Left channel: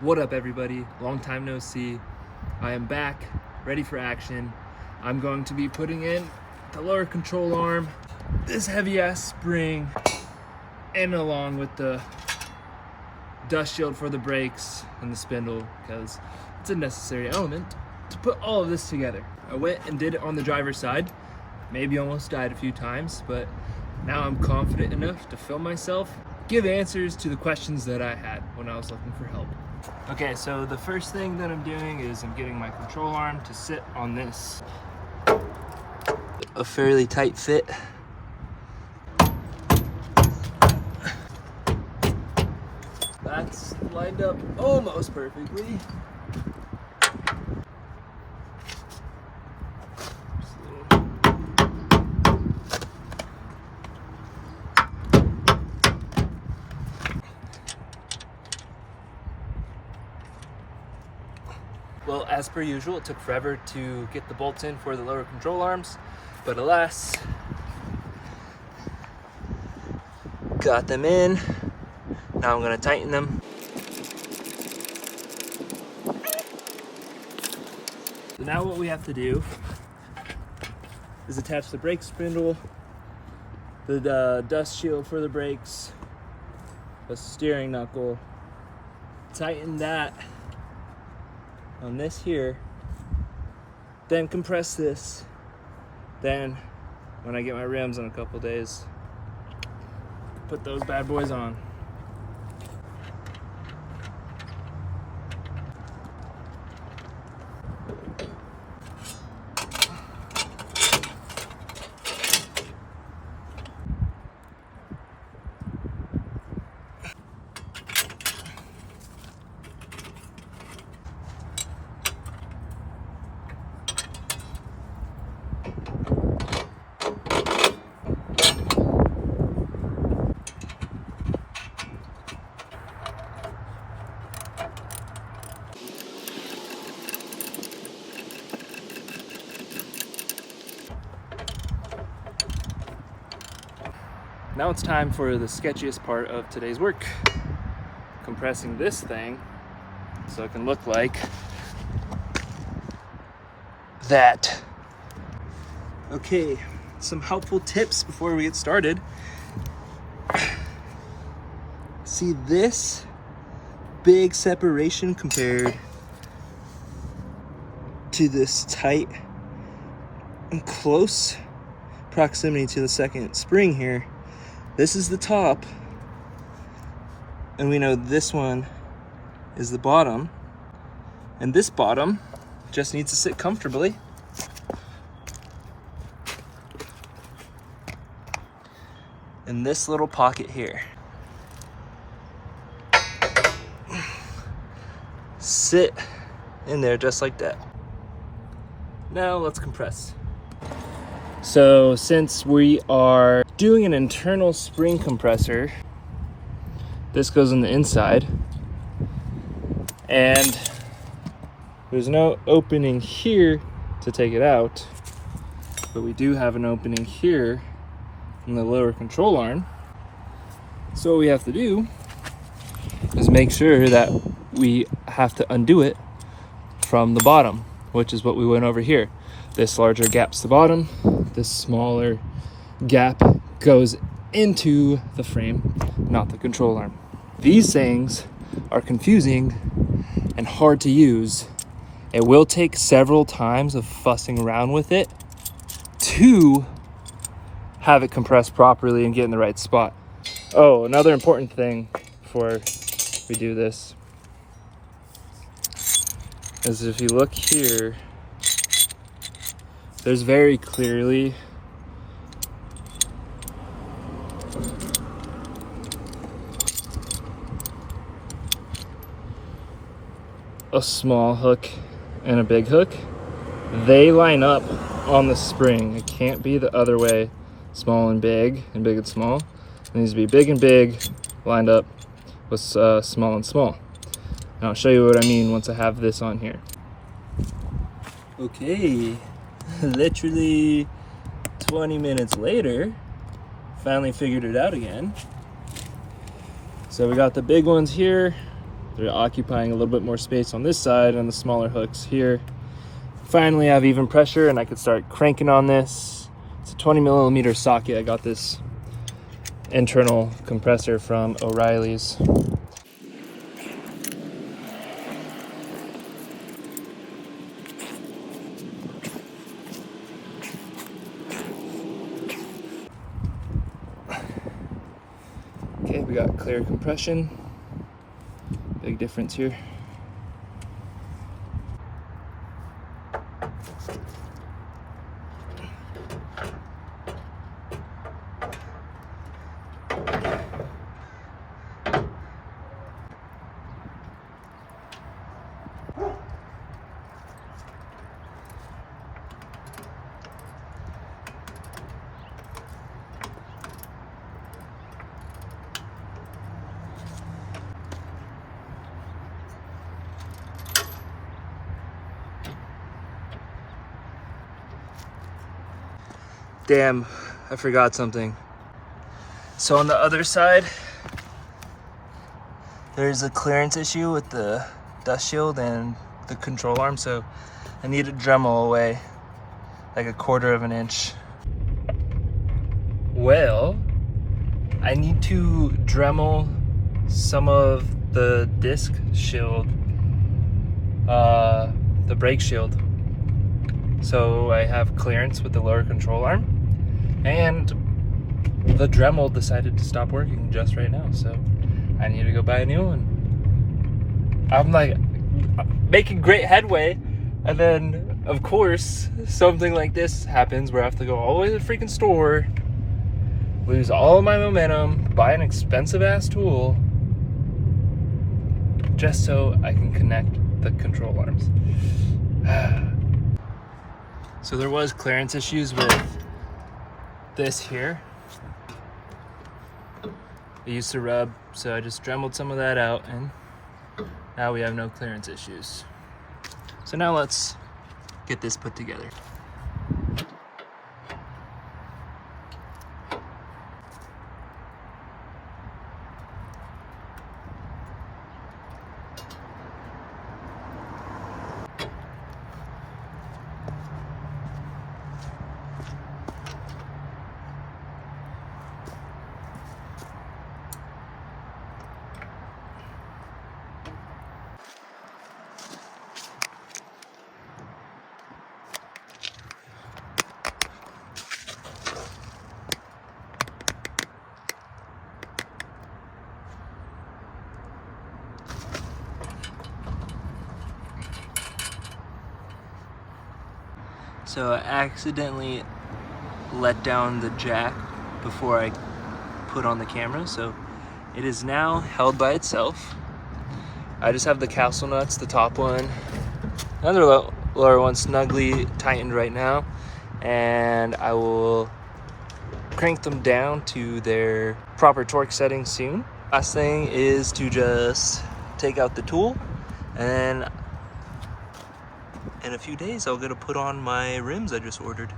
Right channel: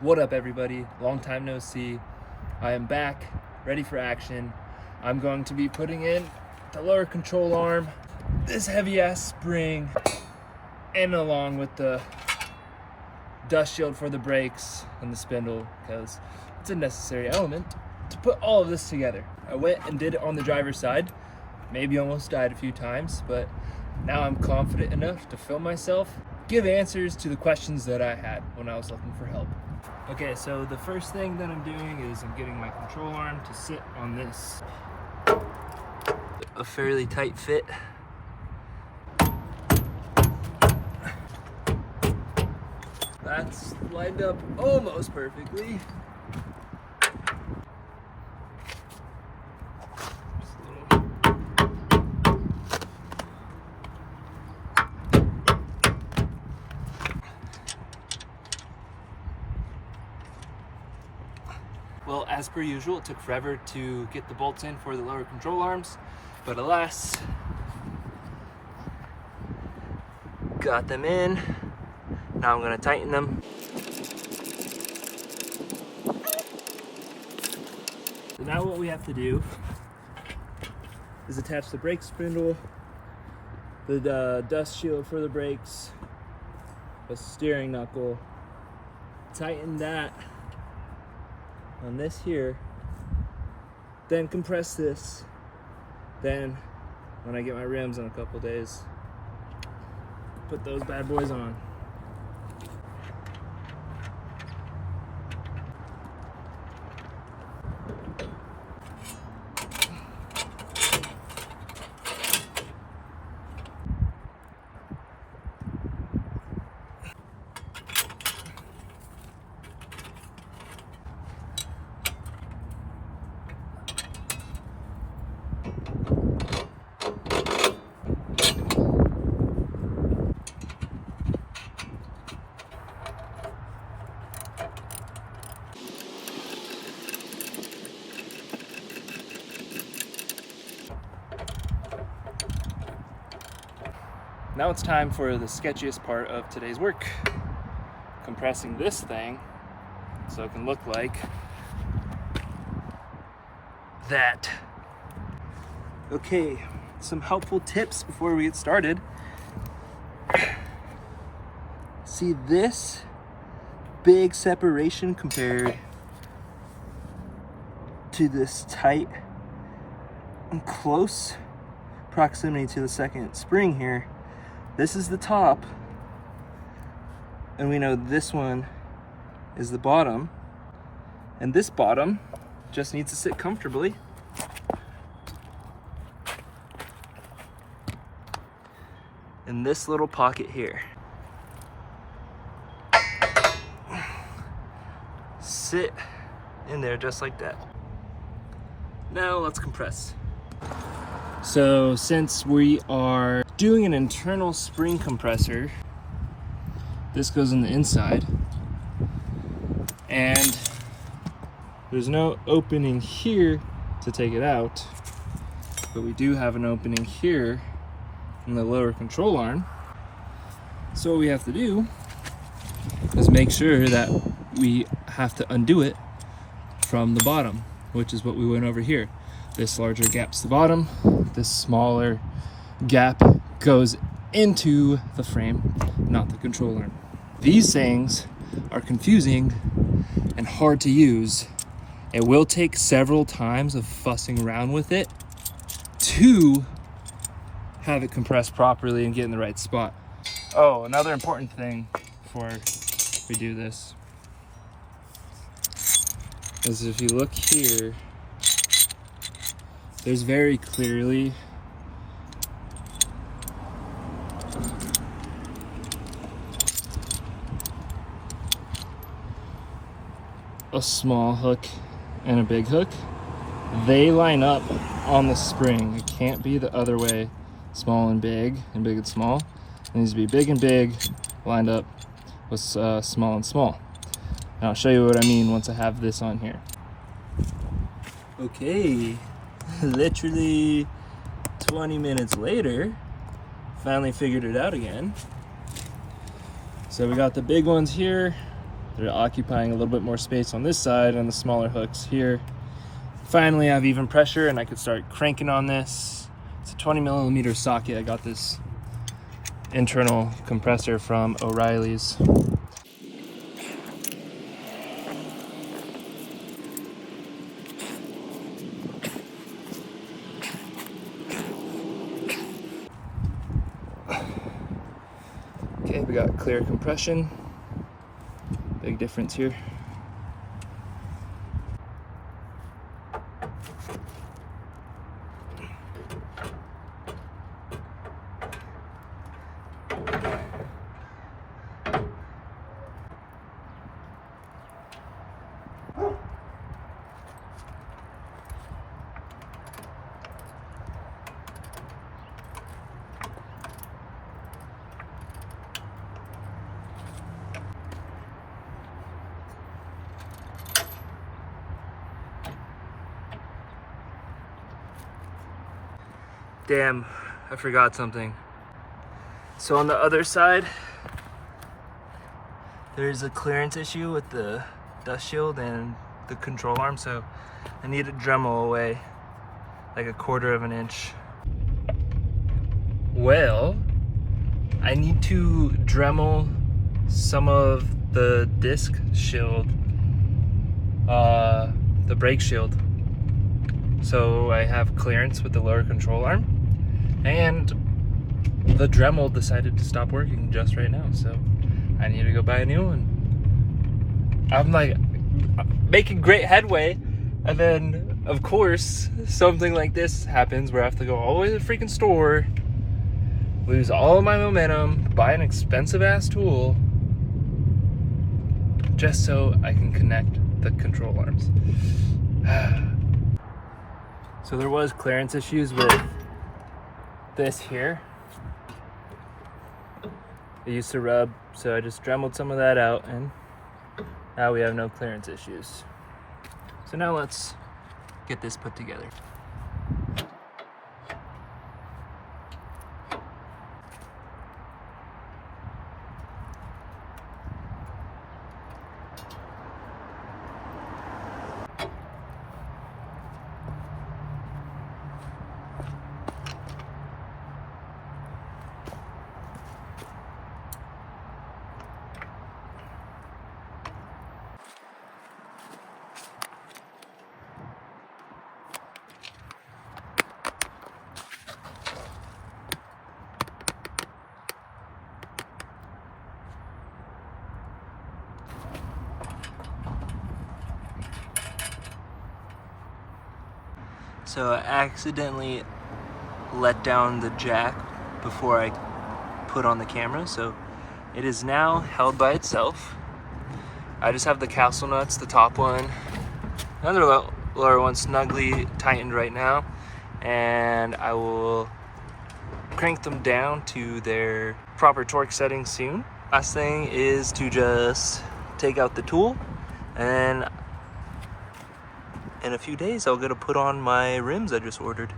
What up, everybody? Long time no see. I am back, ready for action. I'm going to be putting in the lower control arm, this heavy ass spring, and along with the dust shield for the brakes and the spindle, because it's a necessary element to put all of this together. I went and did it on the driver's side, maybe almost died a few times, but now I'm confident enough to film myself, give answers to the questions that I had when I was looking for help. Okay, so the first thing that I'm doing is I'm getting my control arm to sit on this. A fairly tight fit. That's lined up almost perfectly. Well, as per usual, it took forever to get the bolts in for the lower control arms, but alas, got them in. Now I'm gonna tighten them. So now what we have to do is attach the brake spindle, the dust shield for the brakes, the steering knuckle, tighten that on this here, then compress this. Then when I get my rims in a couple days, put those bad boys on. Now it's time for the sketchiest part of today's work. Compressing this thing so it can look like that. Okay, some helpful tips before we get started. See this big separation compared to this tight and close proximity to the second spring here. This is the top, and we know this one is the bottom, and this bottom just needs to sit comfortably. In this little pocket here. Sit in there just like that. Now let's compress. So since we are doing an internal spring compressor, this goes on the inside, and there's no opening here to take it out, but we do have an opening here in the lower control arm. So what we have to do is make sure that we have to undo it from the bottom, which is what we went over here. This larger gap's the bottom, this smaller gap goes into the frame, not the control arm. These things are confusing and hard to use. It will take several times of fussing around with it to have it compressed properly and get in the right spot. Oh, another important thing before we do this is if you look here, there's very clearly a small hook and a big hook. They line up on the spring. It can't be the other way, small and big and small. It needs to be big and big lined up with small and small. And I'll show you what I mean once I have this on here. Okay, literally 20 minutes later, finally figured it out again. So we got the big ones here. They're occupying a little bit more space on this side and the smaller hooks here. Finally, I have even pressure and I could start cranking on this. It's a 20mm socket. I got this internal compressor from O'Reilly's. Okay, we got clear compression. Big difference here. Damn, I forgot something. So on the other side, there's a clearance issue with the dust shield and the control arm, so I need to Dremel away like 1/4 of an inch. Well, I need to Dremel some of the disc shield, the brake shield, so I have clearance with the lower control arm. And the Dremel decided to stop working just right now, so I need to go buy a new one. I'm like making great headway, and then of course something like this happens where I have to go all the way to the freaking store, lose all of my momentum, buy an expensive ass tool just so I can connect the control arms. So there was clearance issues with this here. It used to rub, so I just Dremeled some of that out, and now we have no clearance issues. So now let's get this put together. So I accidentally let down the jack before I put on the camera, so it is now held by itself. I just have the castle nuts, the top one, another lower one snugly tightened right now, and I will crank them down to their proper torque setting soon. Last thing is to just take out the tool, and in a few days I'll get to put on my rims I just ordered.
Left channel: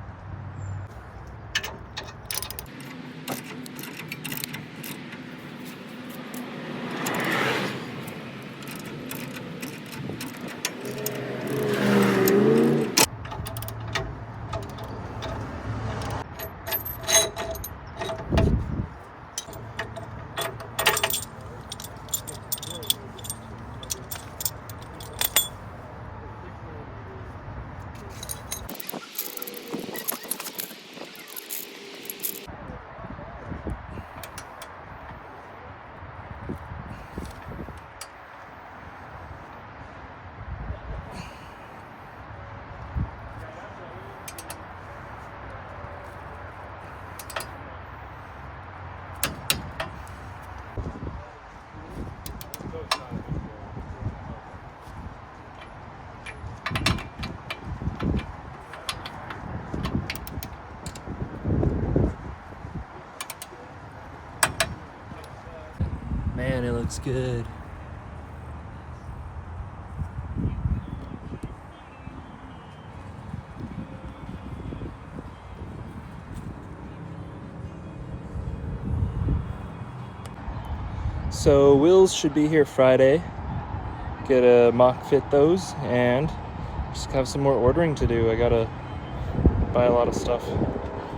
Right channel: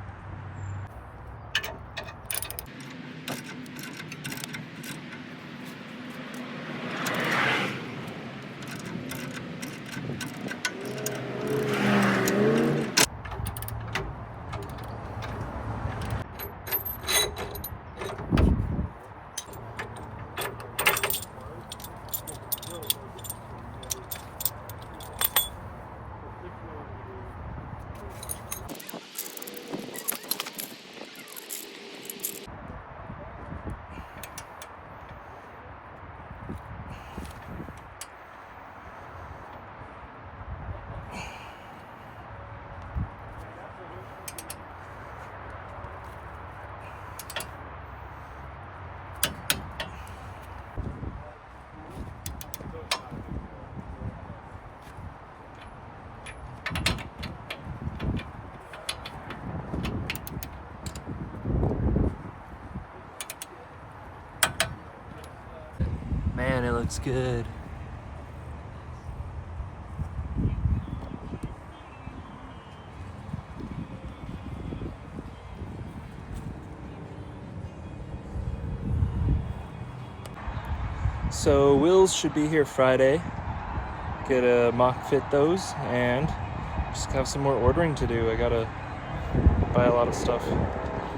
Man, it looks good. So wheels should be here Friday. get a mock fit those, and just have some more ordering to do. I gotta buy a lot of stuff.